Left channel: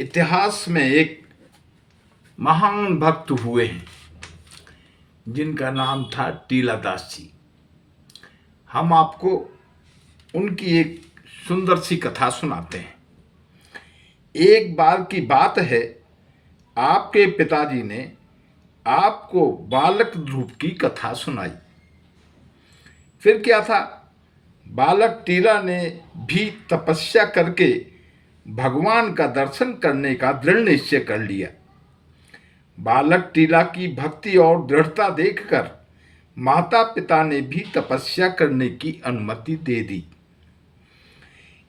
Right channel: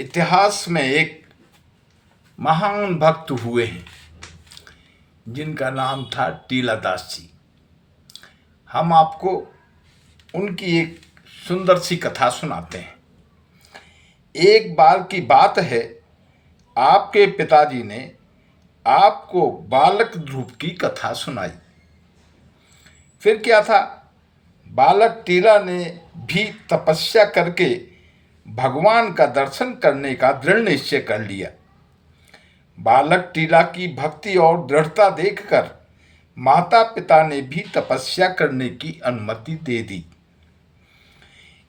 इतिहास में एक महान भक्त हुए हैं जिनका नाम था टीलादास जी। हम आपको उनकी एक सुंदर सी कथा सुनाते हैं। एक बार की बात है, आपके पिताजी ने आपको बालक ध्रुव की कथा सुनाई। फिर क्या था, बालक टीला ने भी तपस्या करके भगवान का दर्शन करने का दृढ़ निश्चय कर लिया। बालक टीला की भक्ति और दृढ़ता देखकर माता पिता ने भी तपस्या करने की अनुमति दे दी।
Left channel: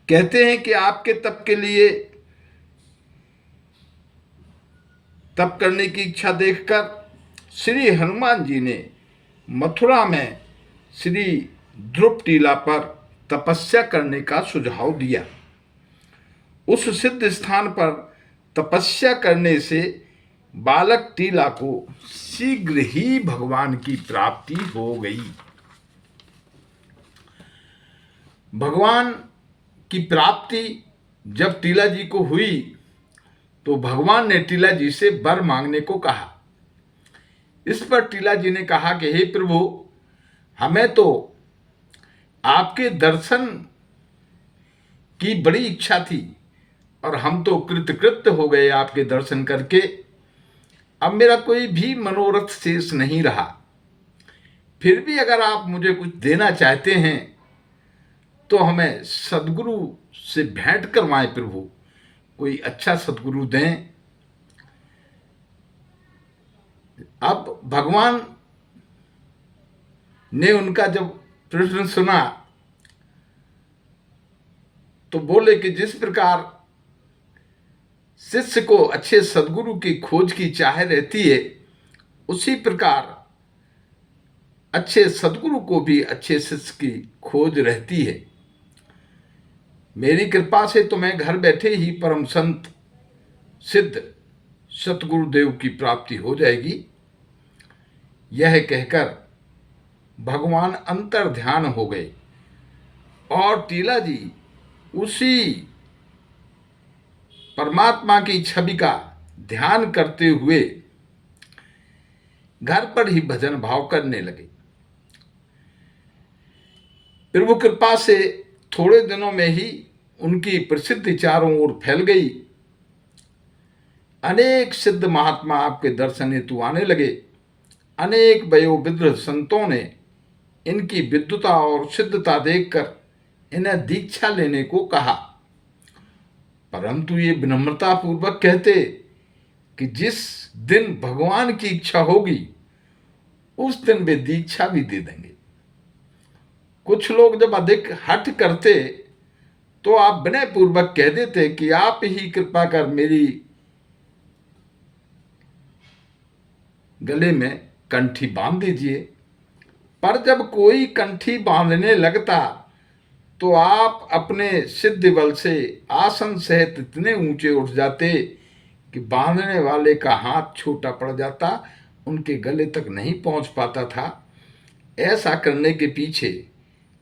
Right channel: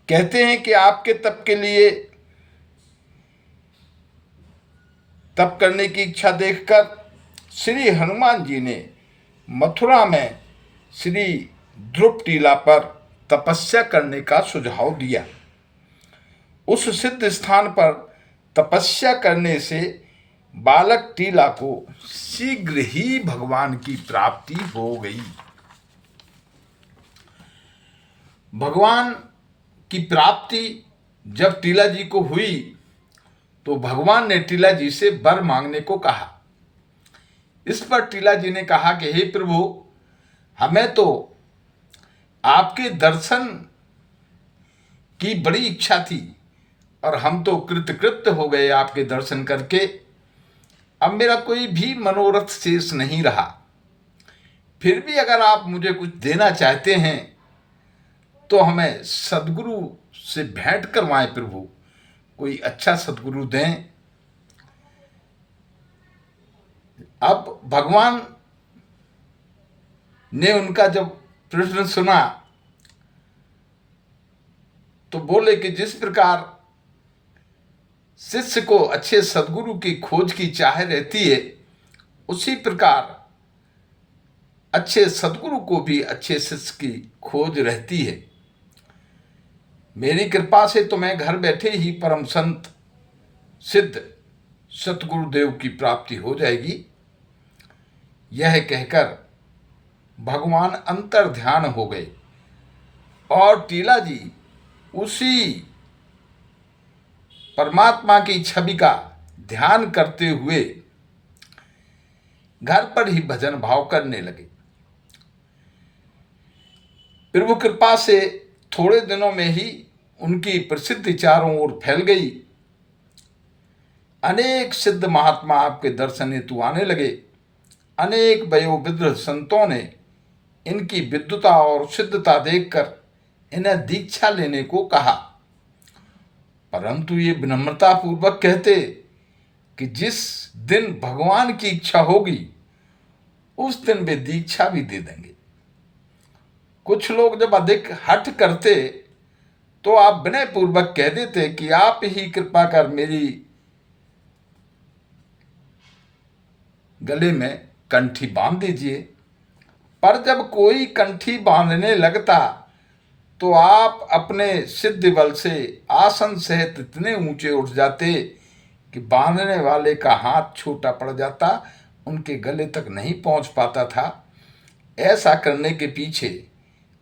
कहते हैं कि आपके तप करने की इच्छा देखकर श्री हनुमान जी ने मथुरा में श्री ध्रुव टीला पर तपस्या करने का सुझाव दिया। उस सिद्ध स्थान पर तपस्या करने से बालक टीला को शीघ्र ही भगवान की प्राप्ति हो गई। भगवान की प्राप्ति जब टीला जी को हुई तो भगवान ने टीला जी से वर मांगने को कहा। इस पर टीला जी ने कहा कि हे प्रभु, हमें तो आपके दर्शन की बड़ी इच्छा थी और हम तो कृतकृत्य हो गए आपके दर्शन करके। अब मेरा कोई भी मनोरथ शेष नहीं रहा। फिर भी अगर आप मुझे कुछ देना चाहते हैं तो हमें सद्गुरु से भेंट करवाएं प्रभु, कोई अच्छा सद्गुरु दें। अब भगवान ने उनका जब प्रश्न सुना तो बोले कि जिस प्रकार शिष्य को अच्छे सद्गुरु की खोज की चाह रहती है, उसी प्रकार अच्छे सद्गुरु को भी अच्छे शिष्य की खोज रहती है। मेरी कृपा से तुम्हें घर बैठे ही परम संत सिद्ध सतगुरुदेव की प्राप्ति हो जाएगी। यह कहकर भगवान अंतर ध्यान हो गए और टीला जी उसी परमात्मा की छवि का ध्यान करते हुए घर पर ही भजन भाव करने लगे। प्रभु कृपा से थोड़े दिनों में ही उनकी प्रसिद्धि चारों ओर फैल गई। अनेक सिद्ध महात्मा आपके दर्शन हेतु आने लगे। अनेक वयोवृद्ध संतों ने इनकी विद्वता और सिद्धता देखकर इन्हें दीक्षा लेने को कहा, परंतु ये विनम्रता पूर्वक कहते कि जिस दिन भगवान की इच्छा होगी उस दिन वे दीक्षा भी दे देंगे। कुछ लोग जब अधिक हठ करते तो आप विनय पूर्वक कह देते कि आप ही कृपा कर मेरी गले में कंठी बांध दीजिए। पर जब कोई कंठी बांधने लगता तो आप अपने सिद्धि बल से आसन सहित इतने ऊंचे उठ जाते कि बांधने वाले का हाथ छोटा पड़ जाता, उनके गले तक नहीं पहुंच पाता था। ऐसा करने के पीछे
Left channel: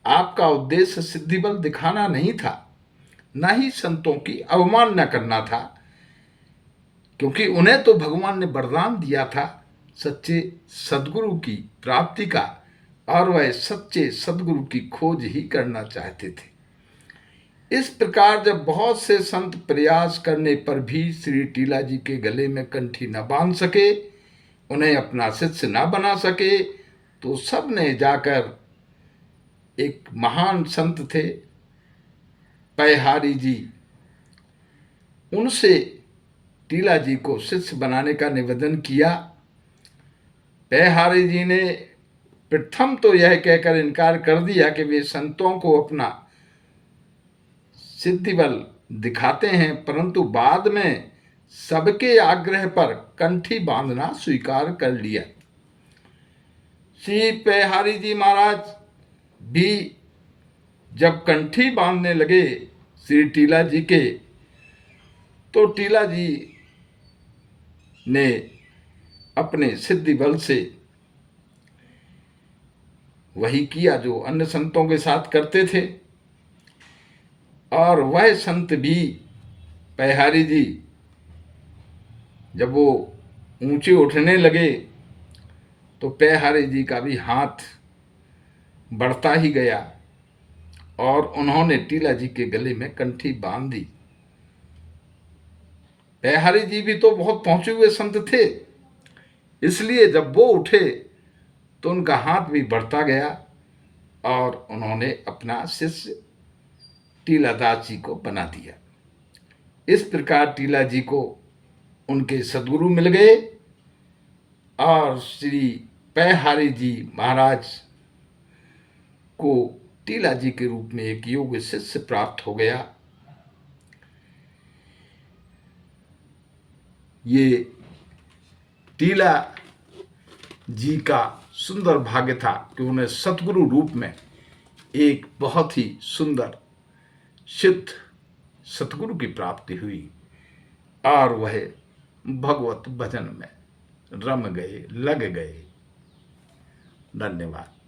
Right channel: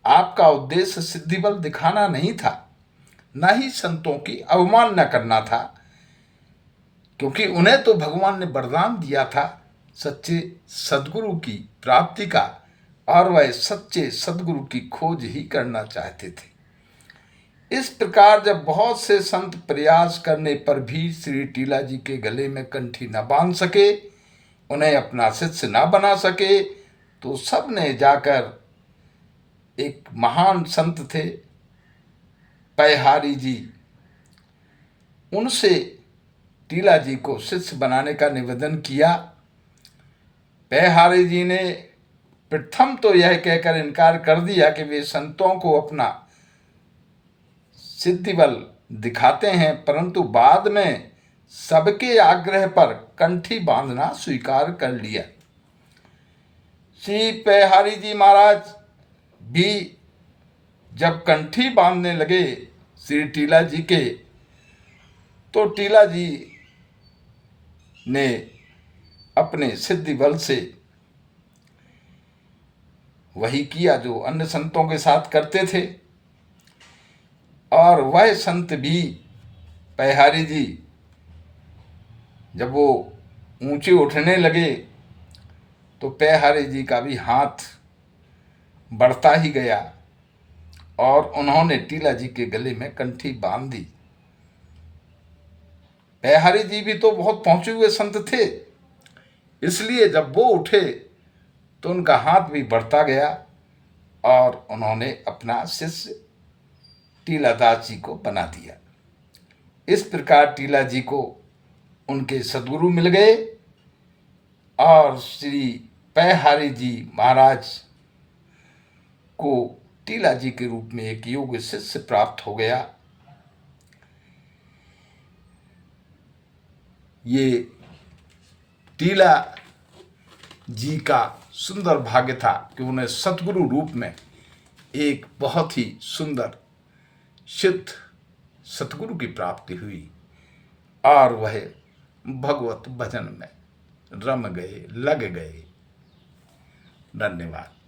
आपका उद्देश्य सिद्धि बल दिखाना नहीं था, न ही संतों की अवमानना करना था, क्योंकि उन्हें तो भगवान ने वरदान दिया था सच्चे सद्गुरु की प्राप्ति का, और वह सच्चे सद्गुरु की खोज ही करना चाहते थे। इस प्रकार जब बहुत से संत प्रयास करने पर भी श्री टीला जी के गले में कंठी न बांध सके, उन्हें अपना शिष्य न बना सके, तो सब ने जाकर एक महान संत थे पैहारी जी, उनसे टीला जी को शिष्य बनाने का निवेदन किया। पैहारी जी ने प्रथम तो यह कहकर इनकार कर दिया कि वे संतों को अपना सिद्धि बल दिखाते हैं, परंतु बाद में सबके आग्रह पर कंठी बांधना स्वीकार कर लिया। श्री पैहारी जी महाराज भी जब कंठी बांधने लगे श्री टीला जी के, तो टीला जी ने अपने सिद्धि बल से वही किया जो अन्य संतों के साथ करते थे, और वह संत भी पैहारी जी जब वो ऊंचे उठने लगे तो पैहारे जी का भी हाथ बढ़ता ही गया और उन्होंने टीला जी के गले में कंठी बांध दी। पैहारी जी भी तो बहुत पहुंचे हुए संत थे, इसलिए जब वो उठे तो उनका हाथ भी बढ़ता गया और उन्होंने अपना शिष्य टीलादास जी को बना दिया। इस प्रकार टीला जी को उनके सद्गुरु मिल गए और श्री पैहारी जी महाराज को टीला जी के रूप में एक योग्य शिष्य प्राप्त हो गया। ये टीला जी का सुंदर भाग्य था कि उन्हें सतगुरु रूप में एक बहुत ही सुंदर सिद्ध सतगुरु की प्राप्ति हुई और वह भगवत भजन में रम गए, लग गए। धन्यवाद।